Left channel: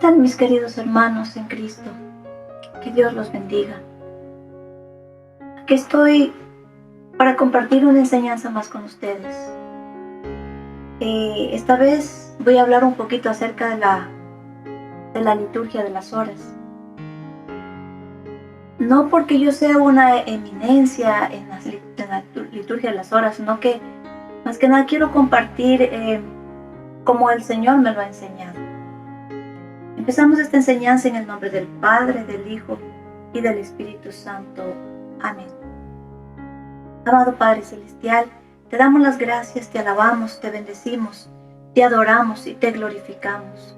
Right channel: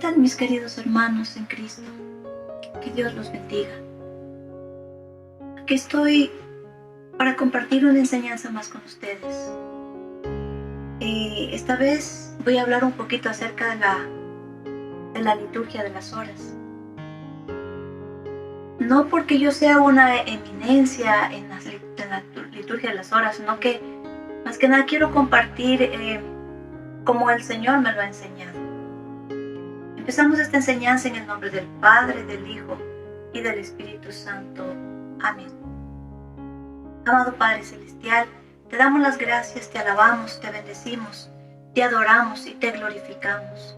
tal, mis queridos hermanos en Cristo? Que Dios los bendiga. Aquí estoy para compartir una enseñanza más con ustedes. Esta vez voy a hablar un poquito acerca de la liturgia de las horas. No porque yo sea una eminencia en la liturgia de las horas, sino que más que nada quiero compartir como el Señor me lo ha enseñado. Empezamos esta enseñanza en el nombre del Padre, del Hijo y del Espíritu Santo. Amén. Amado Padre Celestial, te damos las gracias, te alabamos, te bendecimos, te adoramos y te glorificamos.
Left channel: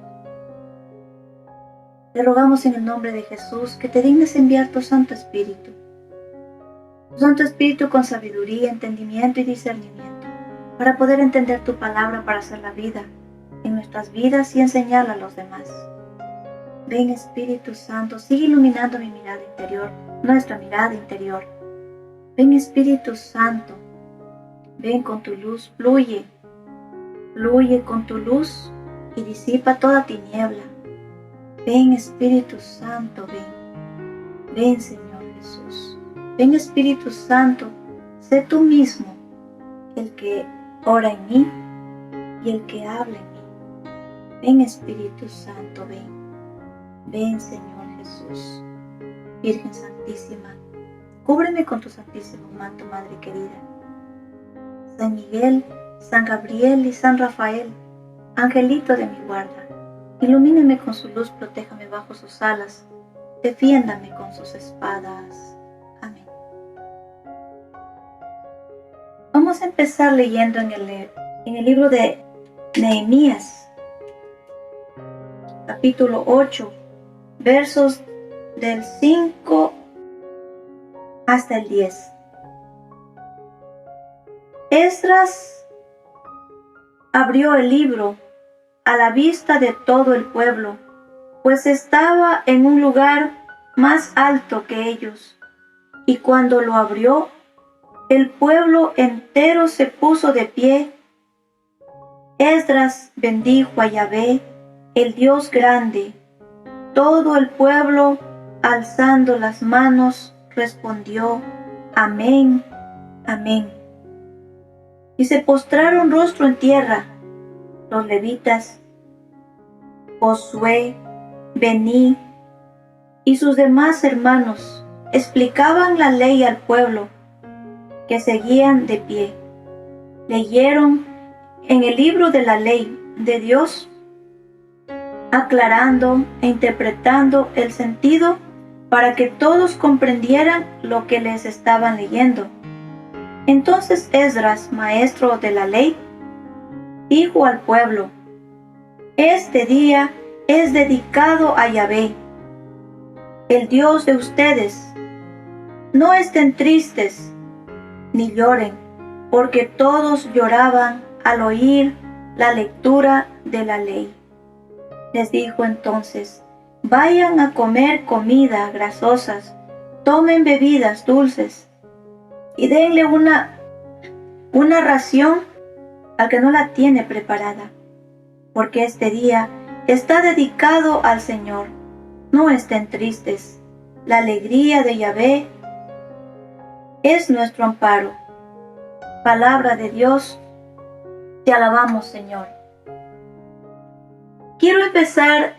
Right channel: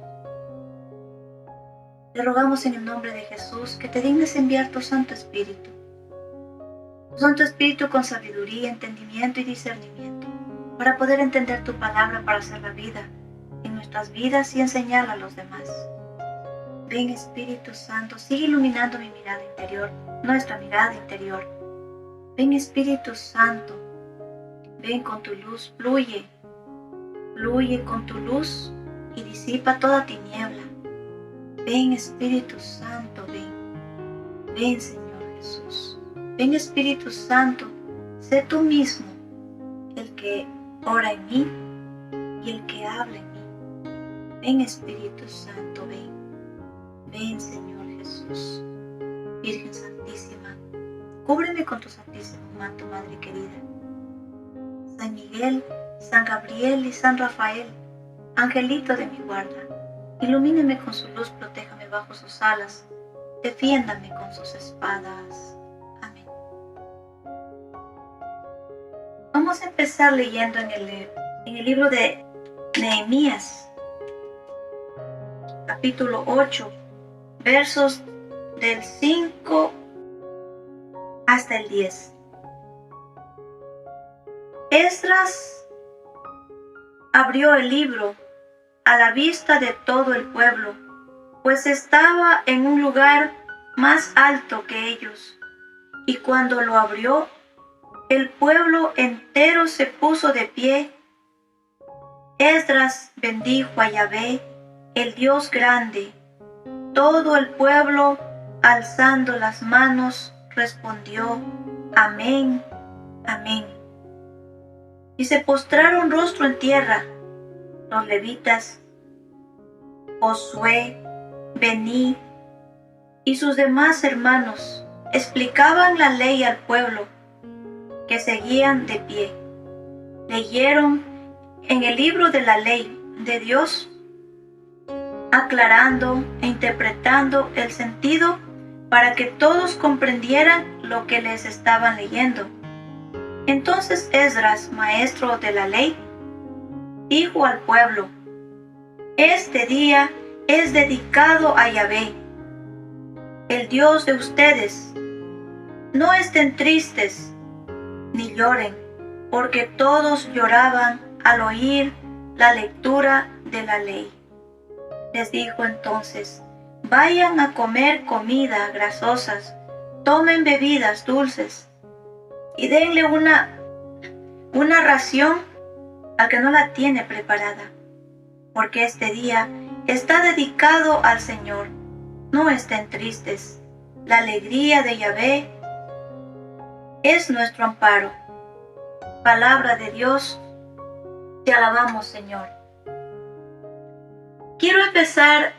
Te rogamos en el nombre de Jesús que te dignes enviar tu Santo Espíritu. Tu Santo Espíritu con sabiduría, entendimiento y discernimiento, para poder entender tu palabra, para hacer la vida en nuestras vidas y enseñarla a los demás. Ven Espíritu Santo, sigue iluminando mi mirada interior, nuestra mirada interior. Ven Espíritu Santo, ven con tu luz, fluye con tu luz y disipa toda tiniebla. Ven Espíritu Santo, ven Señor Jesús. Ven Espíritu Santo, sé tú mismo el que ora en mí y el que habla en mí. Ven Espíritu Santo, ven Señor Jesús. Virgen Santísima, cúbreme con tu santísimo manto, Madre querida. San Miguel, San Gabriel y San Rafael, angelito de mi guarda, ilumíneme con su luz, protéjame bajo sus alas, defiéndame con sus espadas. Amén. Vamos a empezar leyendo en el libro de Nehemías, capítulo 8, versos del 5 hasta el 10. Esdras abrió el libro a la vista de todo el pueblo, pues estaba en un lugar más alto que ellos. Y cuando lo abrió, el pueblo entero se puso de pie. Esdras bendijo a Yahvé, el Dios grande. Todo el pueblo, alzando las manos, respondió: Amén, amén. Y se postraron rostro en tierra. Los levitas, Josué, Bení y sus demás hermanos explicaban la ley al pueblo, que seguían de pie. Leyeron en el libro de la ley de Dios, aclarando e interpretando el sentido para que todos comprendieran lo que les estaban leyendo. Entonces Esdras, maestro de la ley, dijo al pueblo: Este día es dedicado a Yahvé, el Dios de ustedes. No estén tristes ni lloren, porque todos lloraban al oír la lectura de la ley. Les dijo entonces: Vayan a comer comida grasosas, tomen bebidas dulces y denle una ración al que no la tiene preparada, porque este día está dedicado al Señor. No estén tristes. La alegría de Yahvé es nuestro amparo. Palabra de Dios, te alabamos, Señor. Quiero empezar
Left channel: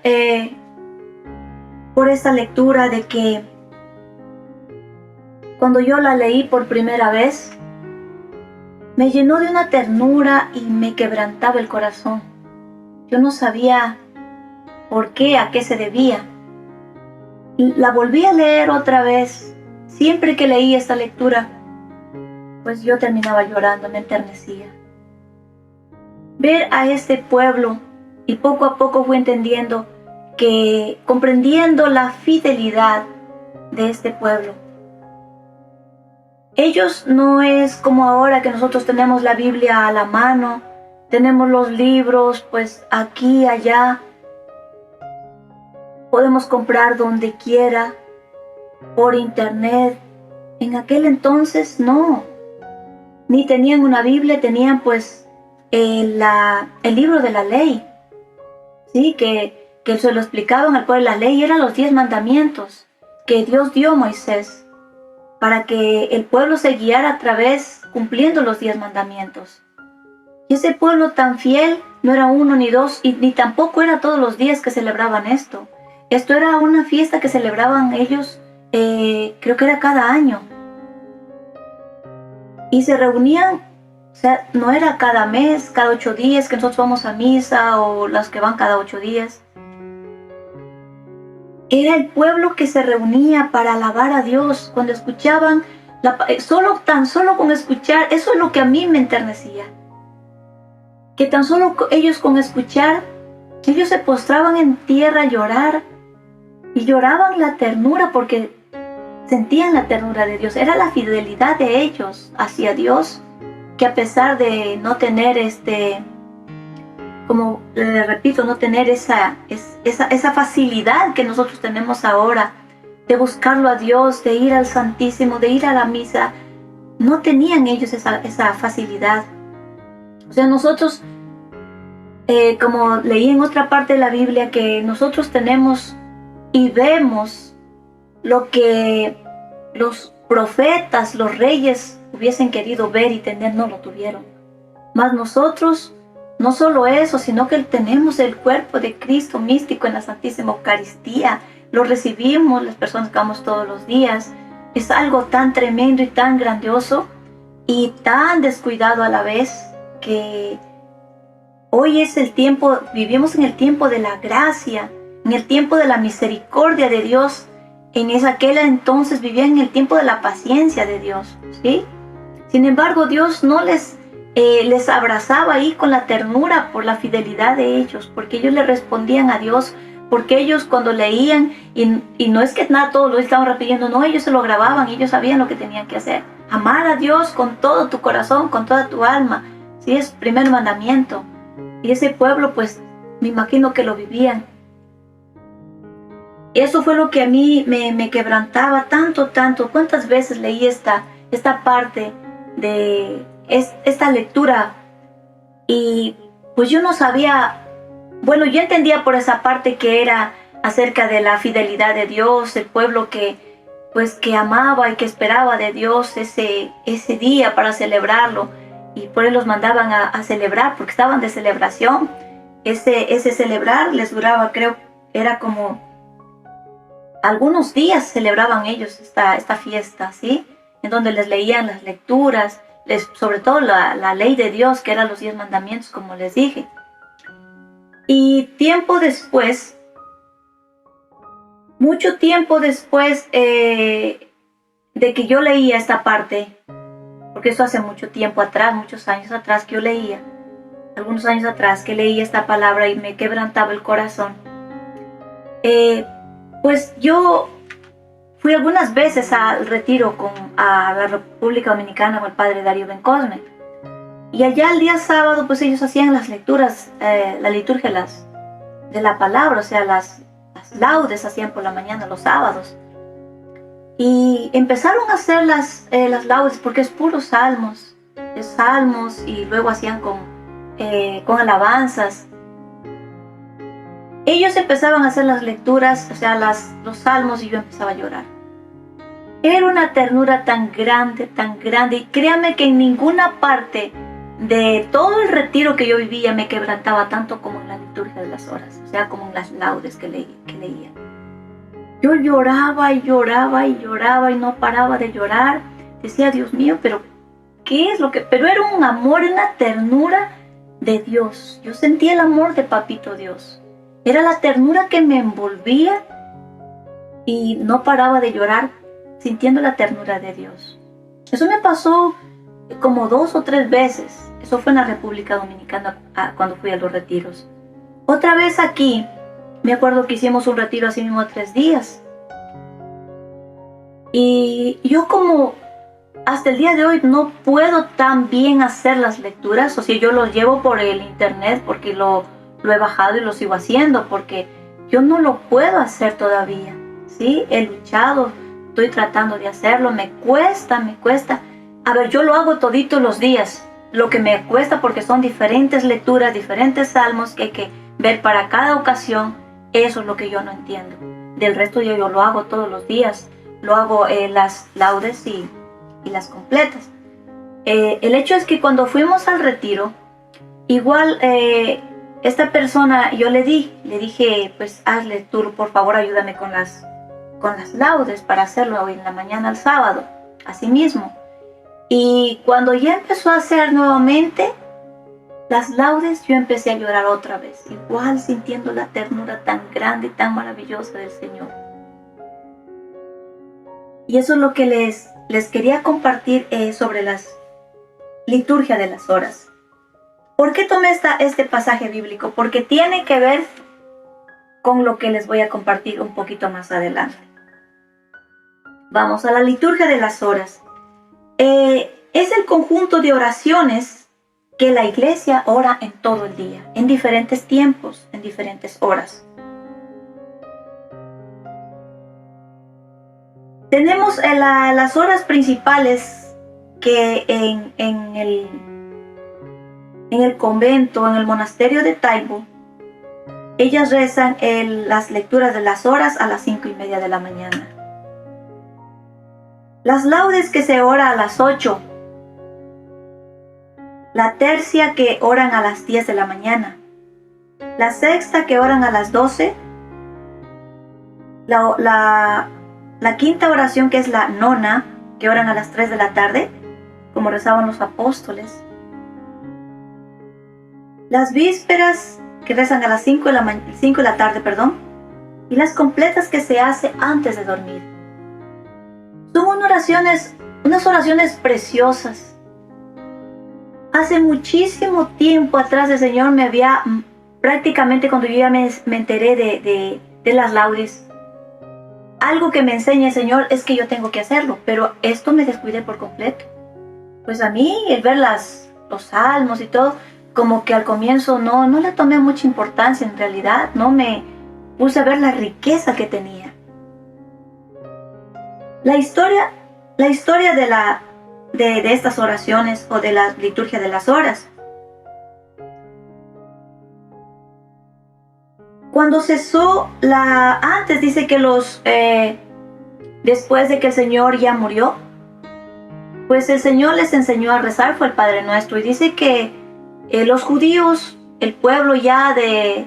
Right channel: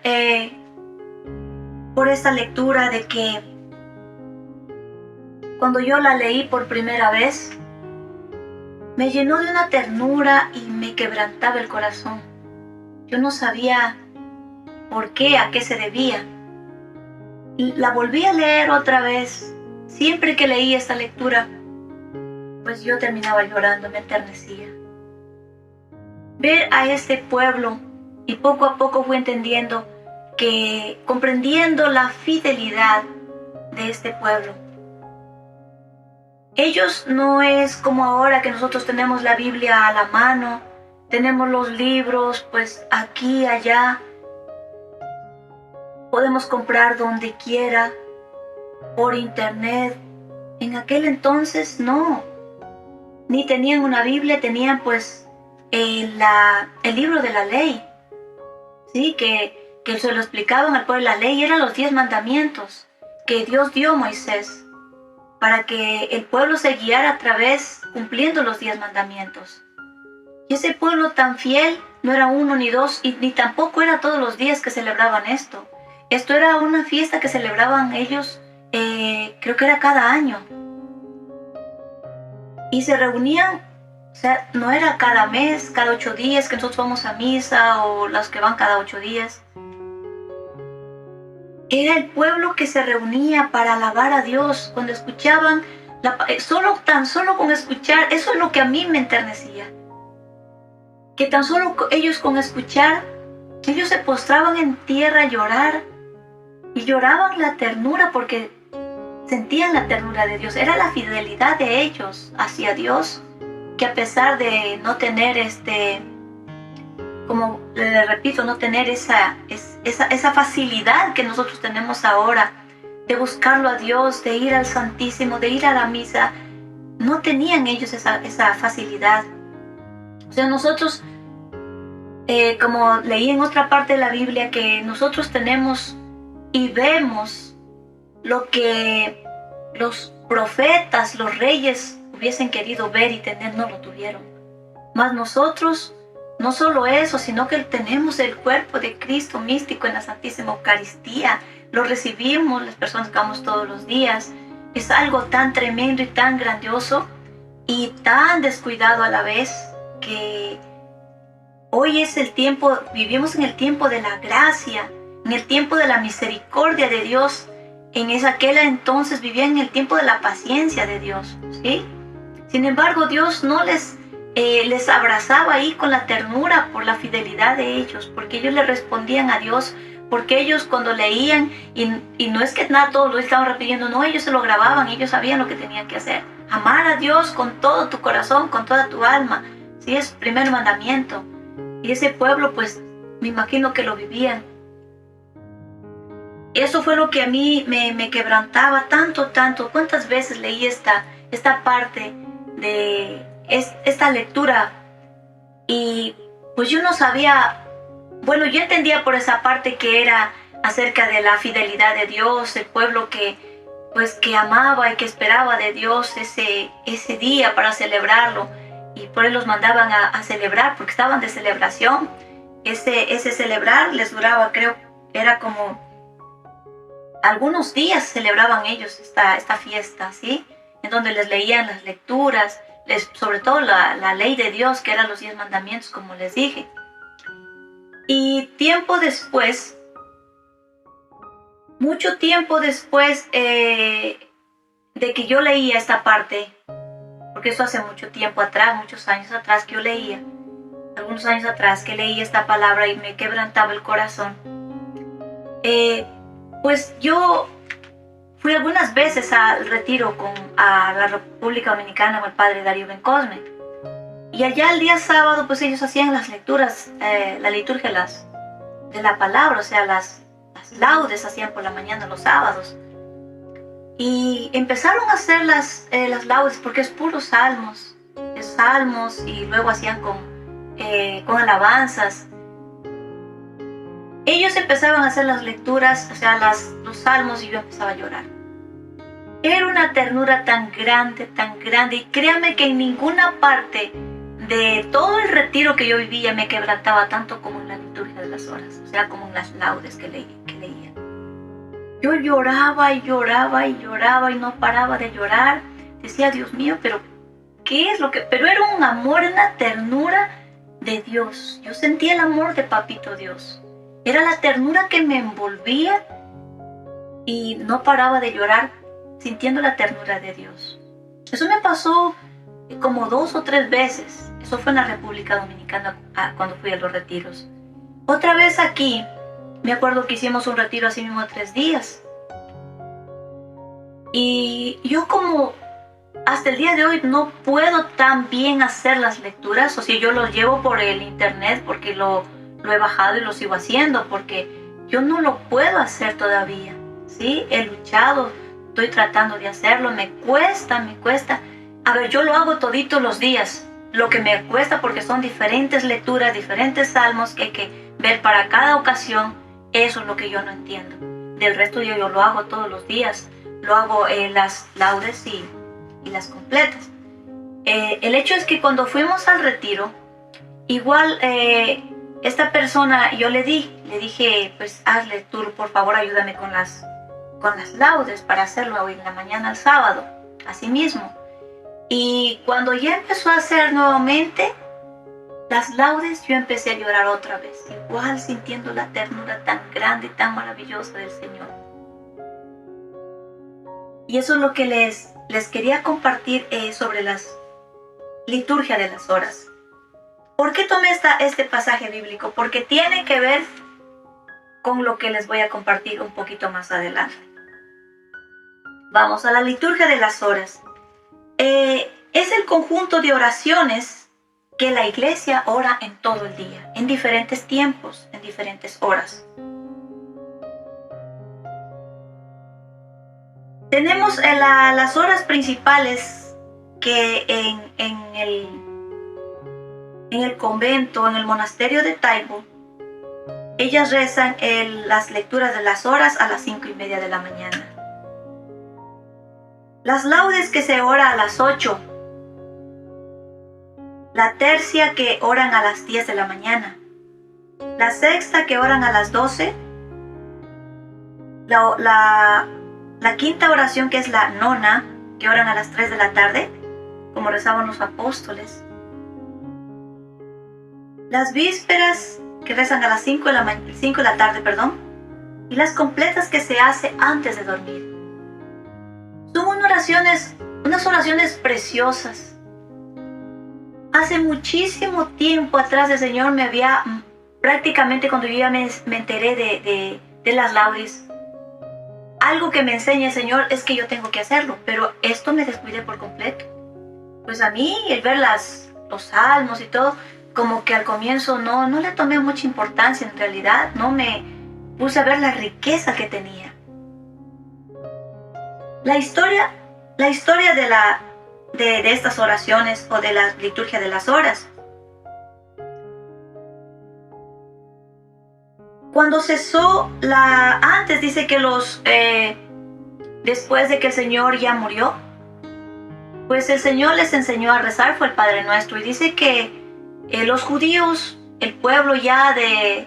por esta lectura de que cuando yo la leí por primera vez, me llenó de una ternura y me quebrantaba el corazón. Yo no sabía por qué, a qué se debía. La volví a leer otra vez. Siempre que leí esta lectura, pues yo terminaba llorando, me enternecía. Ver a este pueblo, y poco a poco fui entendiendo comprendiendo la fidelidad de este pueblo. Ellos no es como ahora que nosotros tenemos la Biblia a la mano, tenemos los libros, pues aquí, allá, podemos comprar donde quiera, por internet. En aquel entonces no, ni tenían una Biblia, tenían pues el libro de la ley, ¿sí? Que que se lo explicaban al pueblo. La ley eran los 10 mandamientos que Dios dio a Moisés para que el pueblo se guiara a través cumpliendo los 10 mandamientos. Y ese pueblo tan fiel no era uno ni dos, y ni tampoco era todos los días que celebraban esto. Esto era una fiesta que celebraban ellos, creo que era cada año. Y se reunían, o sea, no era cada mes, cada 8 días que nosotros vamos a misa o las que van cada 8 días. Era el pueblo que se reunía para alabar a Dios. Cuando escuchaban, tan solo con escuchar, eso es lo que a mí me enternecía. Que tan solo ellos con escuchar, ellos se postraban en tierra a llorar. Y lloraban la ternura porque sentían la ternura de Dios. Era la fidelidad de ellos hacia Dios, que a pesar de no tener como le repito, no tener esa facilidad que nosotros tenemos ahora de buscarlo a Dios, de ir al Santísimo, de ir a la misa, no tenían ellos esa facilidad. O sea, nosotros, como leí en otra parte de la Biblia, que nosotros tenemos y vemos lo que los profetas, los reyes hubiesen querido ver y tener, no lo tuvieron. Mas nosotros, no solo eso, sino que tenemos el cuerpo de Cristo místico en la Santísima Eucaristía. Lo recibimos las personas que vamos todos los días. Es algo tan tremendo y tan grandioso y tan descuidado a la vez, que hoy es el tiempo, vivimos en el tiempo de la gracia, en el tiempo de la misericordia de Dios. En aquel entonces vivían en el tiempo de la paciencia de Dios, ¿sí? Sin embargo, Dios no les abrazaba ahí con la ternura por la fidelidad de ellos, porque ellos le respondían a Dios, porque ellos cuando leían, y no es que nada, todos lo estaban repitiendo, no, ellos se lo grababan, ellos sabían lo que tenían que hacer. Amar a Dios con todo tu corazón, con toda tu alma, ¿sí? Es el primer mandamiento. Y ese pueblo, pues, me imagino que lo vivían. Eso fue lo que a mí me quebrantaba tanto. ¿Cuántas veces leí esta parte de esta lectura? Y pues yo no sabía, bueno, yo entendía por esa parte que era acerca de la fidelidad de Dios, el pueblo que amaba y que esperaba de Dios ese día para celebrarlo. Y por eso los mandaban a celebrar, porque estaban de celebración. Ese celebrar les duraba, creo, era como algunos días celebraban ellos esta fiesta, ¿sí? En donde les leían las lecturas, sobre todo la ley de Dios, que eran los 10 mandamientos, como les dije. Y tiempo después, mucho tiempo después de que yo leía esta parte, porque eso hace mucho tiempo atrás, muchos años atrás que yo leía, algunos años atrás que leí esta palabra y me quebrantaba el corazón, pues yo fui algunas veces al retiro a la República Dominicana con el padre Darío Bencosme. Y allá el día sábado, pues ellos hacían las lecturas, la liturgia de la palabra, o sea, las laudes hacían por la mañana los sábados. Y empezaron a hacer las laudes porque es puros salmos, y luego hacían con alabanzas. Ellos empezaban a hacer las lecturas, o sea, los salmos, y yo empezaba a llorar. Era una ternura tan grande, y créanme que en ninguna parte de todo el retiro que yo vivía me quebrantaba tanto como en la liturgia de las horas, o sea, como en las laudes que leía. Yo lloraba y no paraba de llorar. Decía, Dios mío, pero ¿qué es lo que...? Pero era un amor, una ternura de Dios. Yo sentía el amor de Papito Dios. Era la ternura que me envolvía y no paraba de llorar sintiendo la ternura de Dios. Eso me pasó como 2 o 3 veces. Eso fue en la República Dominicana cuando fui a los retiros. Otra vez aquí, me acuerdo que hicimos un retiro así mismo 3 días. Y yo como hasta el día de hoy no puedo tan bien hacer las lecturas. O sea, yo los llevo por el internet porque lo he bajado y lo sigo haciendo, porque yo no lo puedo hacer todavía, ¿sí? He luchado, estoy tratando de hacerlo, me cuesta. A ver, yo lo hago toditos los días, lo que me cuesta porque son diferentes lecturas, diferentes salmos que hay que ver para cada ocasión, Eso es lo que yo no entiendo. Del resto yo lo hago todos los días. Lo hago las laudes y las completas. El hecho es que cuando fuimos al retiro, igual esta persona yo le dije, pues hazle tú, por favor ayúdame con las laudes para hacerlo hoy en la mañana el sábado, así mismo. Y cuando ya empezó a hacer nuevamente las laudes, yo empecé a llorar otra vez, igual sintiendo la ternura tan grande y tan maravillosa del Señor. Y eso es lo que les quería compartir sobre las liturgia de las horas. ¿Por qué tomé este pasaje bíblico? Porque tiene que ver con lo que les voy a compartir un poquito más adelante. Vamos a la liturgia de las horas. Es el conjunto de oraciones que la iglesia ora en todo el día, en diferentes tiempos, en diferentes horas. Tenemos las horas principales que en el convento, en el monasterio de Taibo, ellas rezan las lecturas de las horas a las 5:30 de la mañana. Las laudes que se ora a las 8. La tercia que oran a las 10 de la mañana. La sexta que oran a las 12. La quinta oración que es la nona, que oran a las 3 de la tarde, como rezaban los apóstoles. Las vísperas que rezan a las 5 de la tarde, y las completas que se hace antes de dormir. Son unas oraciones preciosas. Hace muchísimo tiempo atrás el Señor me había, prácticamente cuando yo ya me enteré de las laudes, algo que me enseña el Señor es que yo tengo que hacerlo, pero esto me descuidé por completo. Pues a mí el ver los salmos y todo, como que al comienzo no le tomé mucha importancia en realidad, no me puse a ver la riqueza que tenía. La historia de estas oraciones o de la liturgia de las horas. Cuando cesó antes dice que después de que el Señor ya murió, pues el Señor les enseñó a rezar, fue el Padre Nuestro, y dice que los judíos, el pueblo ya de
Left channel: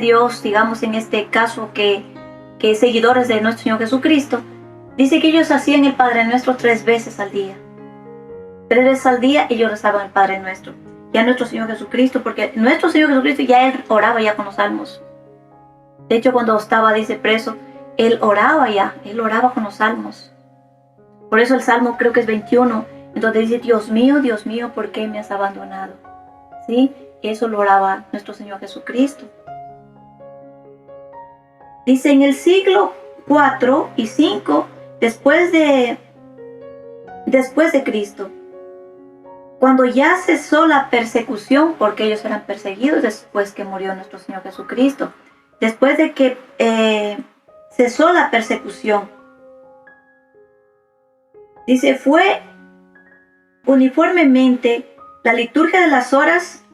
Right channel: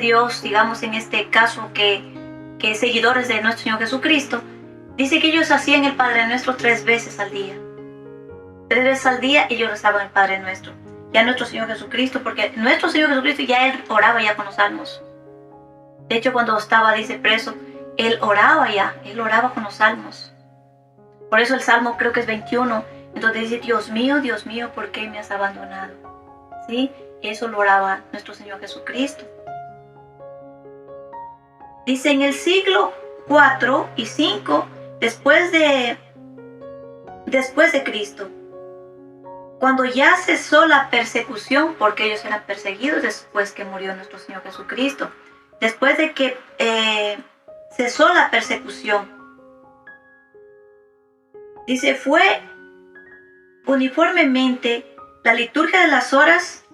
Dios, digamos en este caso que seguidores de nuestro Señor Jesucristo, dice que ellos hacían el Padre Nuestro 3 veces al día. 3 veces al día ellos rezaban el Padre Nuestro. Ya nuestro Señor Jesucristo, porque nuestro Señor Jesucristo ya Él oraba ya con los salmos. De hecho, cuando estaba, dice, preso, Él oraba con los salmos. Por eso el Salmo creo que es 21, en donde dice, Dios mío, ¿por qué me has abandonado? ¿Sí? Eso lo oraba nuestro Señor Jesucristo. Dice, en el siglo 4 y 5, después de Cristo, cuando ya cesó la persecución, porque ellos eran perseguidos después que murió nuestro Señor Jesucristo, después de que cesó la persecución, dice, fue uniformemente la liturgia de las horas,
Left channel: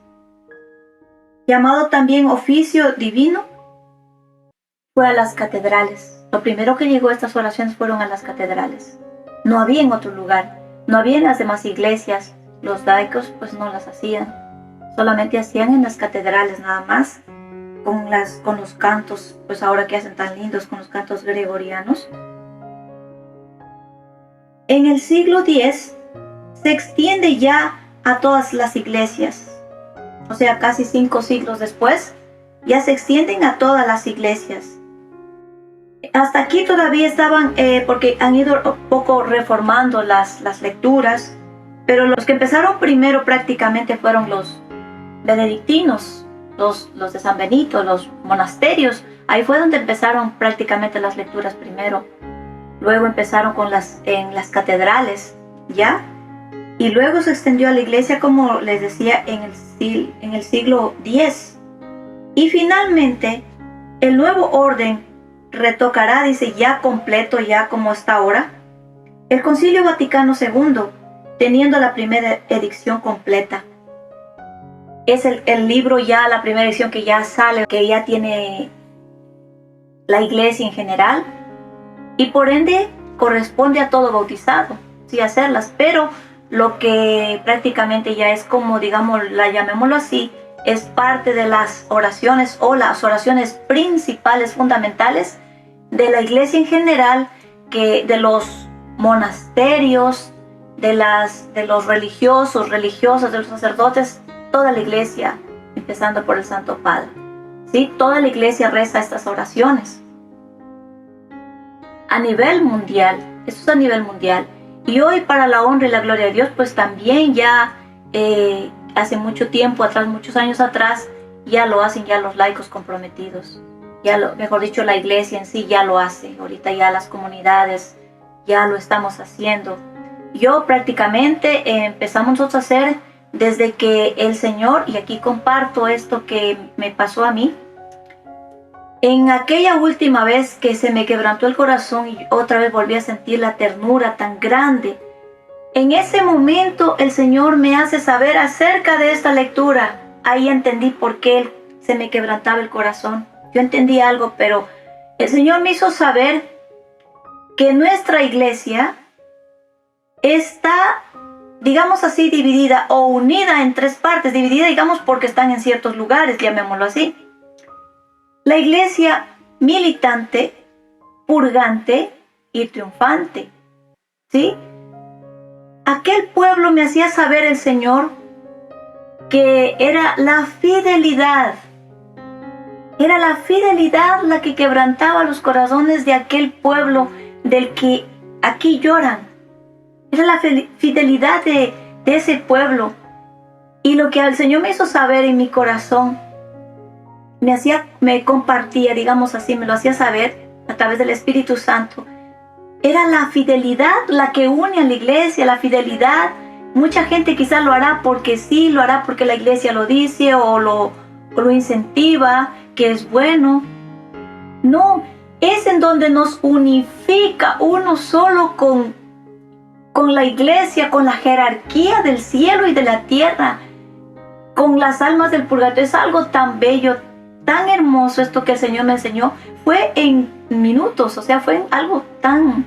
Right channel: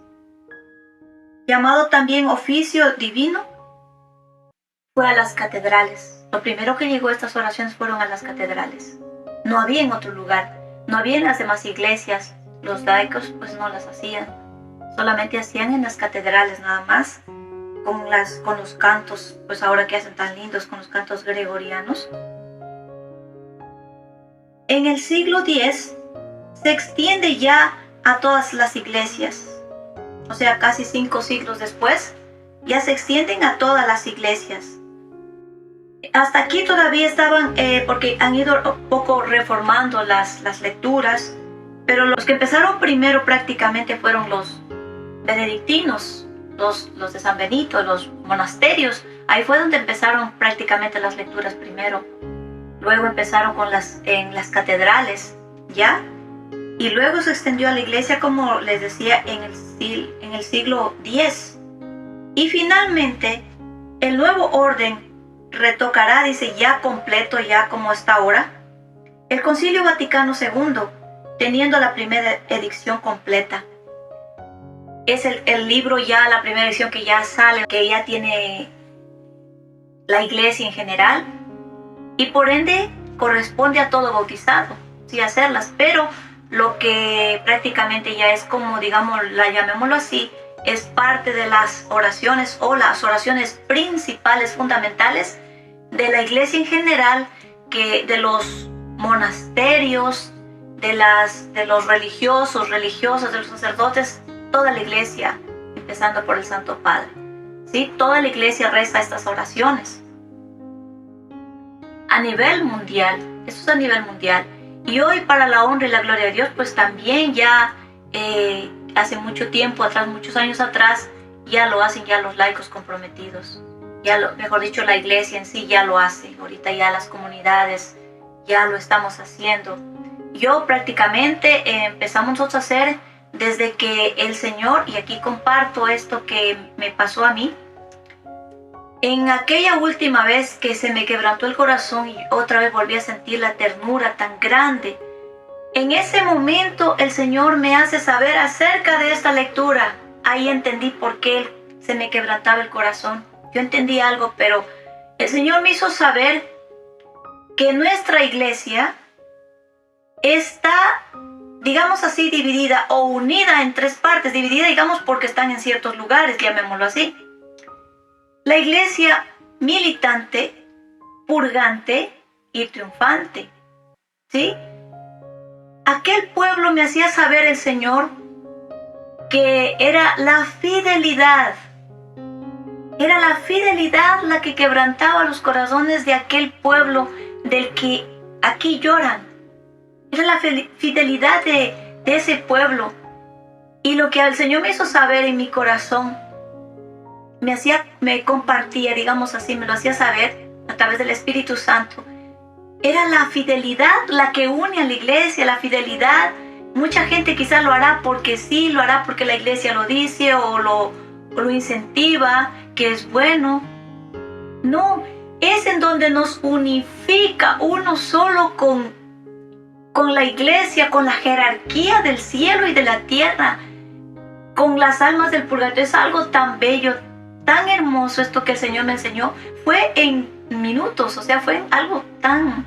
llamado también oficio divino, fue a las catedrales. Lo primero que llegó a estas oraciones fueron a las catedrales. No había en otro lugar, no había en las demás iglesias. Los laicos pues no las hacían, solamente hacían en las catedrales nada más, con los cantos, pues ahora que hacen tan lindos con los cantos gregorianos. En el siglo X se extiende ya a todas las iglesias, o sea, casi 5 siglos después, ya se extienden a todas las iglesias. Hasta aquí todavía estaban, porque han ido un poco reformando las lecturas, pero los que empezaron primero prácticamente fueron los benedictinos, los de San Benito, los monasterios. Ahí fue donde empezaron prácticamente las lecturas primero. Luego empezaron en las catedrales, ¿ya? Y luego se extendió a la iglesia, como les decía, en el siglo X. Y finalmente, el nuevo orden retocará, dice, ya completo, ya como está ahora, el Concilio Vaticano II, teniendo la primera edición completa. Es el libro ya, la primera edición que ya sale, que ya tiene la iglesia en general, y por ende corresponde a todo bautizado, sí, hacerlas, pero lo que prácticamente ya es como, digamos, llamémoslo así, es parte de las oraciones o las oraciones principales, fundamentales de la iglesia en general, que de los monasterios, de los religiosos, religiosas, de los sacerdotes, toda la iglesia, empezando por el Santo Padre, ¿sí? Toda la iglesia reza estas oraciones. A nivel mundial, esto es a nivel mundial. Y hoy, para la honra y la gloria de Dios, pues también ya hace mucho tiempo atrás, muchos años atrás, ya lo hacen ya los laicos comprometidos. Mejor dicho, la iglesia en sí ya lo hace. Ahorita ya las comunidades ya lo estamos haciendo. Yo prácticamente empezamos nosotros a hacer desde que el Señor, y aquí comparto esto que me pasó a mí, en aquella última vez que se me quebrantó el corazón y otra vez volví a sentir la ternura tan grande, en ese momento el Señor me hace saber acerca de esta lectura. Ahí entendí por qué se me quebrantaba el corazón. Yo entendí algo, pero el Señor me hizo saber que nuestra iglesia está, digamos así, dividida o unida en tres partes. Dividida, digamos, porque están en ciertos lugares, llamémoslo así. La iglesia militante, purgante y triunfante, ¿sí? Aquel pueblo me hacía saber el Señor que era la fidelidad la que quebrantaba los corazones de aquel pueblo del que aquí lloran. Era la fidelidad de ese pueblo. Y lo que el Señor me hizo saber en mi corazón, me compartía, digamos así, me lo hacía saber a través del Espíritu Santo. Era la fidelidad la que une a la iglesia, la fidelidad. Mucha gente quizás lo hará porque sí, lo hará porque la iglesia lo dice o lo incentiva, que es bueno. No, es en donde nos unifica uno solo con la iglesia, con la jerarquía del cielo y de la tierra, con las almas del purgatorio. Es algo tan bello, tan hermoso esto que el Señor me enseñó. Fue en minutos, o sea, fue algo tan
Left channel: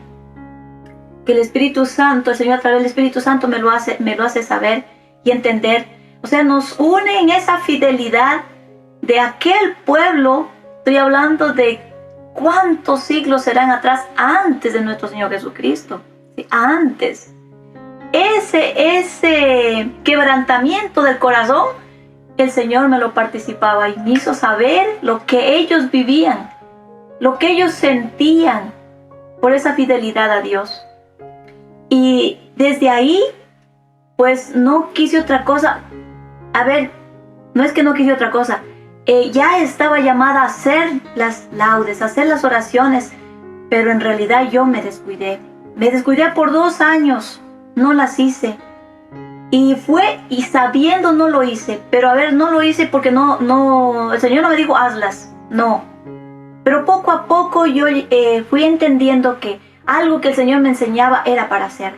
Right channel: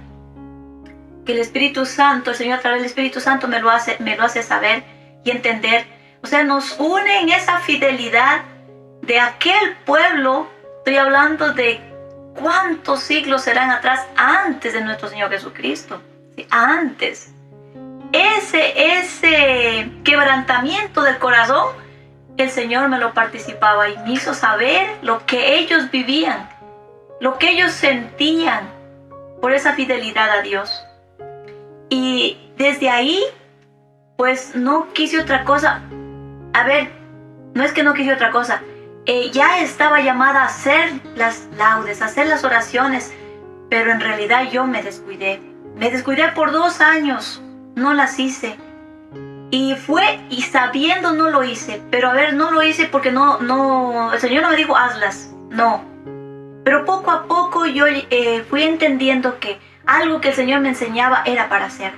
que el Espíritu Santo, el Señor a través del Espíritu Santo me lo hace saber y entender. O sea, nos une en esa fidelidad de aquel pueblo. Estoy hablando de cuántos siglos serán atrás, antes de nuestro Señor Jesucristo. ¿Sí? Antes. Ese quebrantamiento del corazón, el Señor me lo participaba y me hizo saber lo que ellos vivían, lo que ellos sentían por esa fidelidad a Dios. Y desde ahí, pues no quise otra cosa. A ver, no es que no quise otra cosa. Ya estaba llamada a hacer las laudes, a hacer las oraciones, pero en realidad yo me descuidé. Me descuidé por 2 años, no las hice. Y sabiendo no lo hice, pero a ver, no lo hice porque no, el Señor no me dijo hazlas, no. Pero poco a poco yo fui entendiendo que algo que el Señor me enseñaba era para hacer.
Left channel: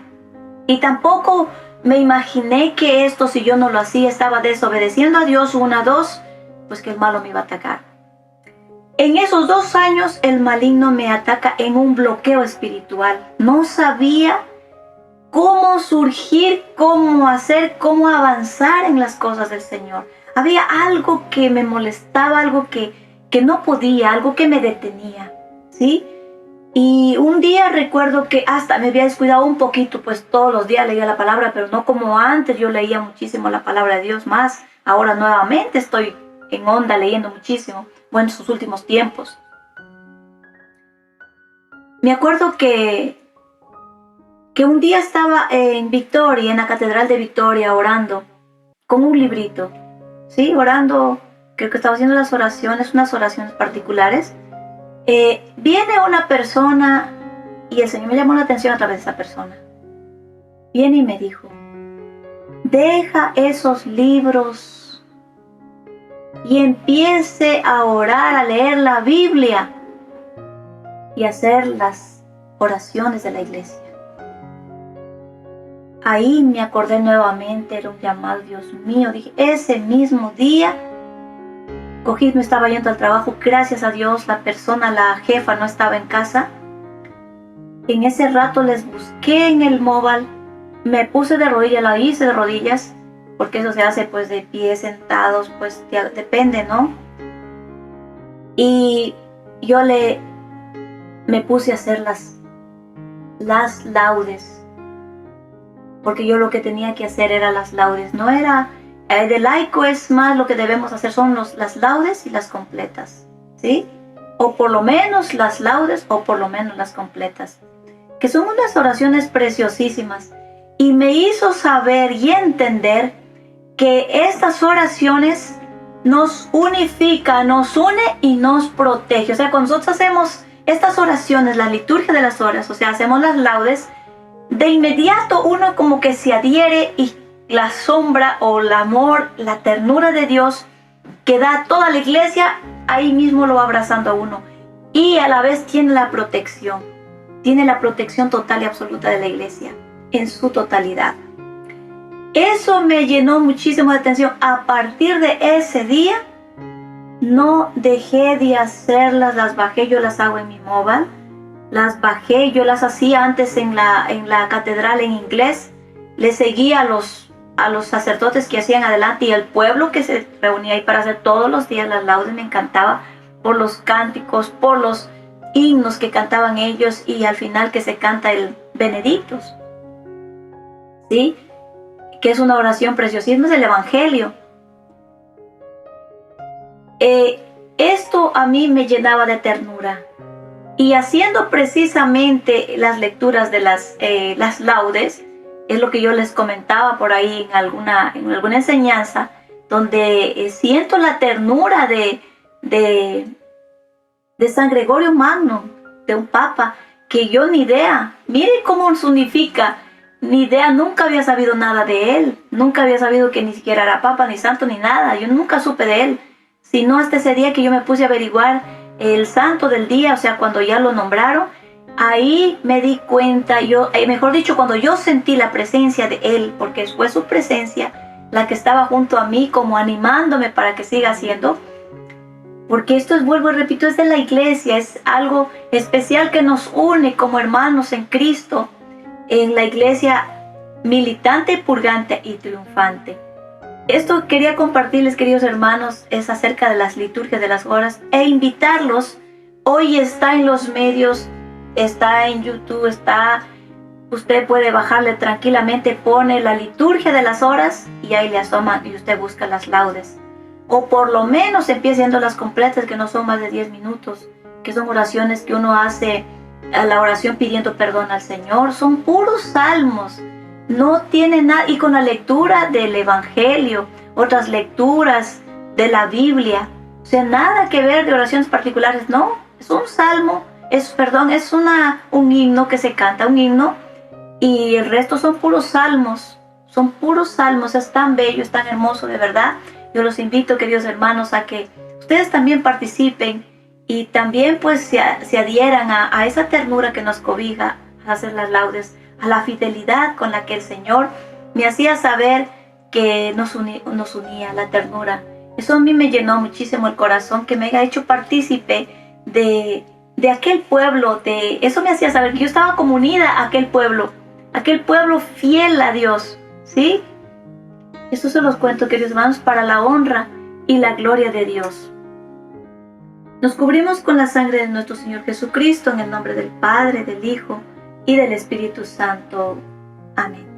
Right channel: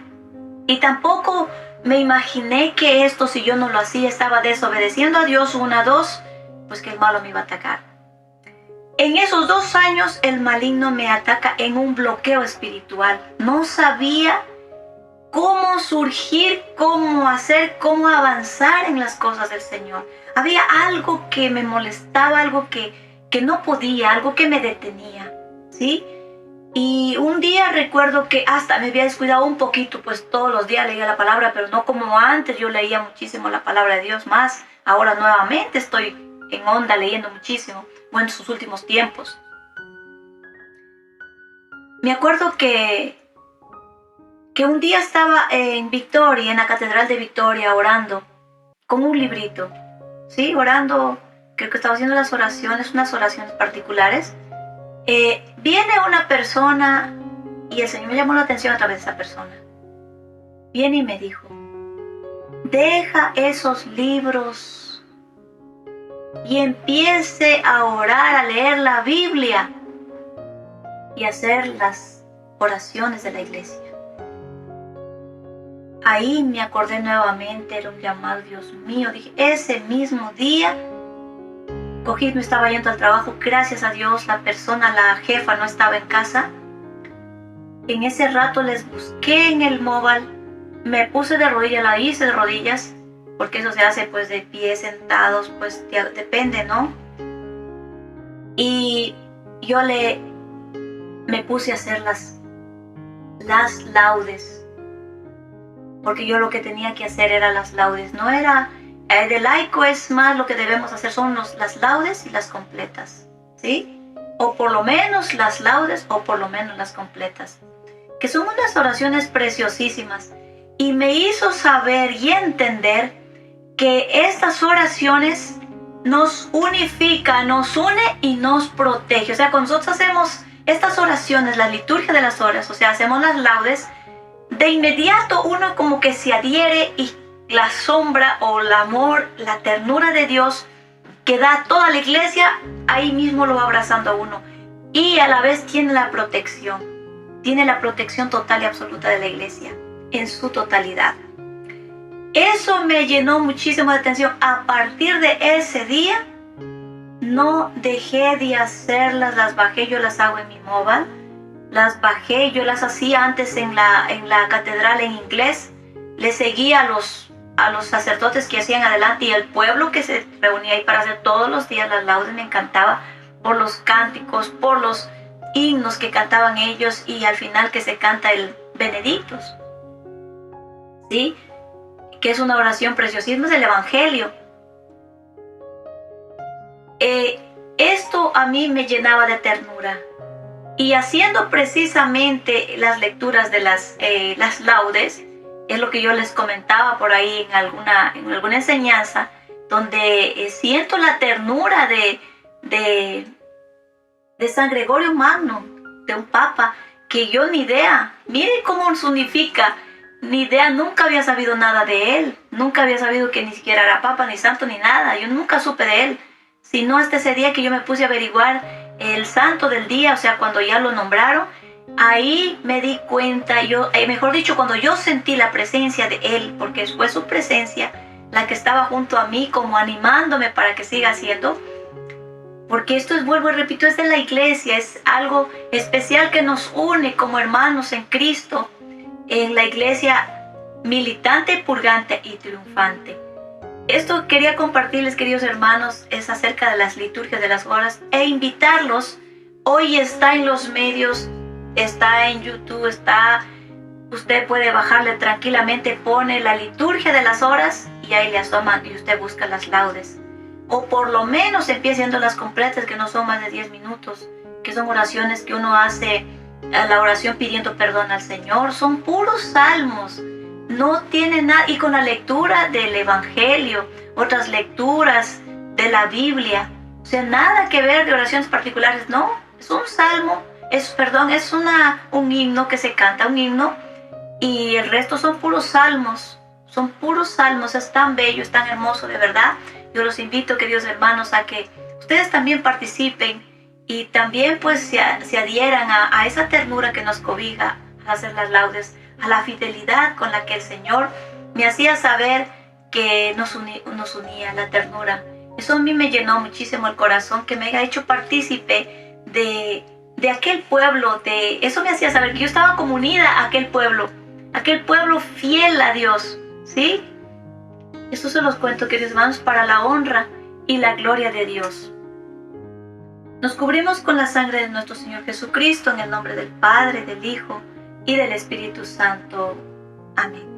Y tampoco me imaginé que esto, si yo no lo hacía, estaba desobedeciendo a Dios, 1, 2, pues que el malo me iba a atacar. En esos 2 años el maligno me ataca en un bloqueo espiritual. No sabía cómo surgir, cómo hacer, cómo avanzar en las cosas del Señor. Había algo que me molestaba, algo que no podía, algo que me detenía, ¿sí? Y un día recuerdo que hasta me había descuidado un poquito, pues todos los días leía la palabra, pero no como antes. Yo leía muchísimo la palabra de Dios más. Ahora nuevamente estoy en onda leyendo muchísimo, bueno, en sus últimos tiempos. Me acuerdo que un día estaba en Victoria, en la Catedral de Victoria, orando con un librito, ¿sí? Orando, creo que estaba haciendo las oraciones, unas oraciones particulares. Viene una persona y el Señor me llamó la atención a través de esa persona. Viene y me dijo, deja esos libros y empiece a orar, a leer la Biblia y a hacer las oraciones de la iglesia. Ahí me acordé nuevamente, era un llamado, Dios mío. Dije, ese mismo día cogí, me estaba yendo al trabajo, gracias a Dios la jefa no estaba en casa. En ese rato les busqué en el móvil, me puse de rodillas, la hice de rodillas, porque eso se hace pues de pie, sentados, pues depende, ¿no? Y yo me puse a hacer las laudes, porque yo lo que tenía que hacer era las laudes, no era, de laico es más lo que debemos hacer son las laudes y las completas, ¿sí? O por lo menos las laudes o por lo menos las completas, que son unas oraciones preciosísimas, y me hizo saber y entender que estas oraciones nos unifica, nos une y nos protege. O sea, cuando nosotros hacemos estas oraciones, la liturgia de las horas, o sea, hacemos las laudes, de inmediato uno como que se adhiere y la sombra o el amor, la ternura de Dios que da a toda la iglesia, ahí mismo lo va abrazando a uno. Y a la vez tiene la protección total y absoluta de la iglesia, en su totalidad. Eso me llenó muchísimo de atención. A partir de ese día, no dejé de hacerlas, las bajé, yo las hago en mi móvil, las bajé, yo las hacía antes en la catedral en inglés, le seguía a los sacerdotes que hacían adelante y el pueblo que se reunía ahí para hacer todos los días las laudes. Me encantaba por los cánticos, por los himnos que cantaban ellos y al final que se canta el Benedictus, ¿sí? Que es una oración preciosísima, es el Evangelio. Esto a mí me llenaba de ternura. Y haciendo precisamente las lecturas de las laudes, es lo que yo les comentaba por ahí en alguna enseñanza, donde siento la ternura de San Gregorio Magno, de un papa, que yo ni idea, mire cómo se unifica, ni idea, nunca había sabido nada de él, nunca había sabido que ni siquiera era papa, ni santo, ni nada, yo nunca supe de él, sino hasta ese día que yo me puse a averiguar el santo del día, o sea, cuando ya lo nombraron, ahí me di cuenta, mejor dicho, cuando yo sentí la presencia de él, porque fue su presencia la que estaba junto a mí, como animándome para que siga haciendo, porque esto es, vuelvo y repito, es de la iglesia, es algo especial que nos une como hermanos en Cristo, en la iglesia militante, purgante y triunfante. Esto quería compartirles, queridos hermanos, es acerca de las liturgias de las horas e invitarlos. Hoy está en los medios, está en YouTube, usted puede bajarle tranquilamente, pone la liturgia de las horas y ahí le asoma y usted busca las laudes. O por lo menos empiece haciendo las completas, que no son más de 10 minutos, que son oraciones que uno hace a la oración pidiendo perdón al Señor. Son puros salmos, no tiene nada, y con la lectura del Evangelio, otras lecturas de la Biblia, o sea, nada que ver de oraciones particulares, no, es un salmo, es un himno que se canta, un himno, y el resto son puros salmos, es tan bello, es tan hermoso, de verdad. Yo los invito, queridos hermanos, a que ustedes también participen y también pues se adhieran a esa ternura que nos cobija al hacer las laudes, a la fidelidad con la que el Señor me hacía saber que nos unía, la ternura. Eso a mí me llenó muchísimo el corazón, que me haya hecho partícipe de aquel pueblo, eso me hacía saber que yo estaba como unida a aquel pueblo fiel a Dios, ¿sí? Esto se los cuento, queridos hermanos, para la honra y la gloria de Dios. Nos cubrimos con la sangre de nuestro Señor Jesucristo, en el nombre del Padre, del Hijo y del Espíritu Santo. Amén.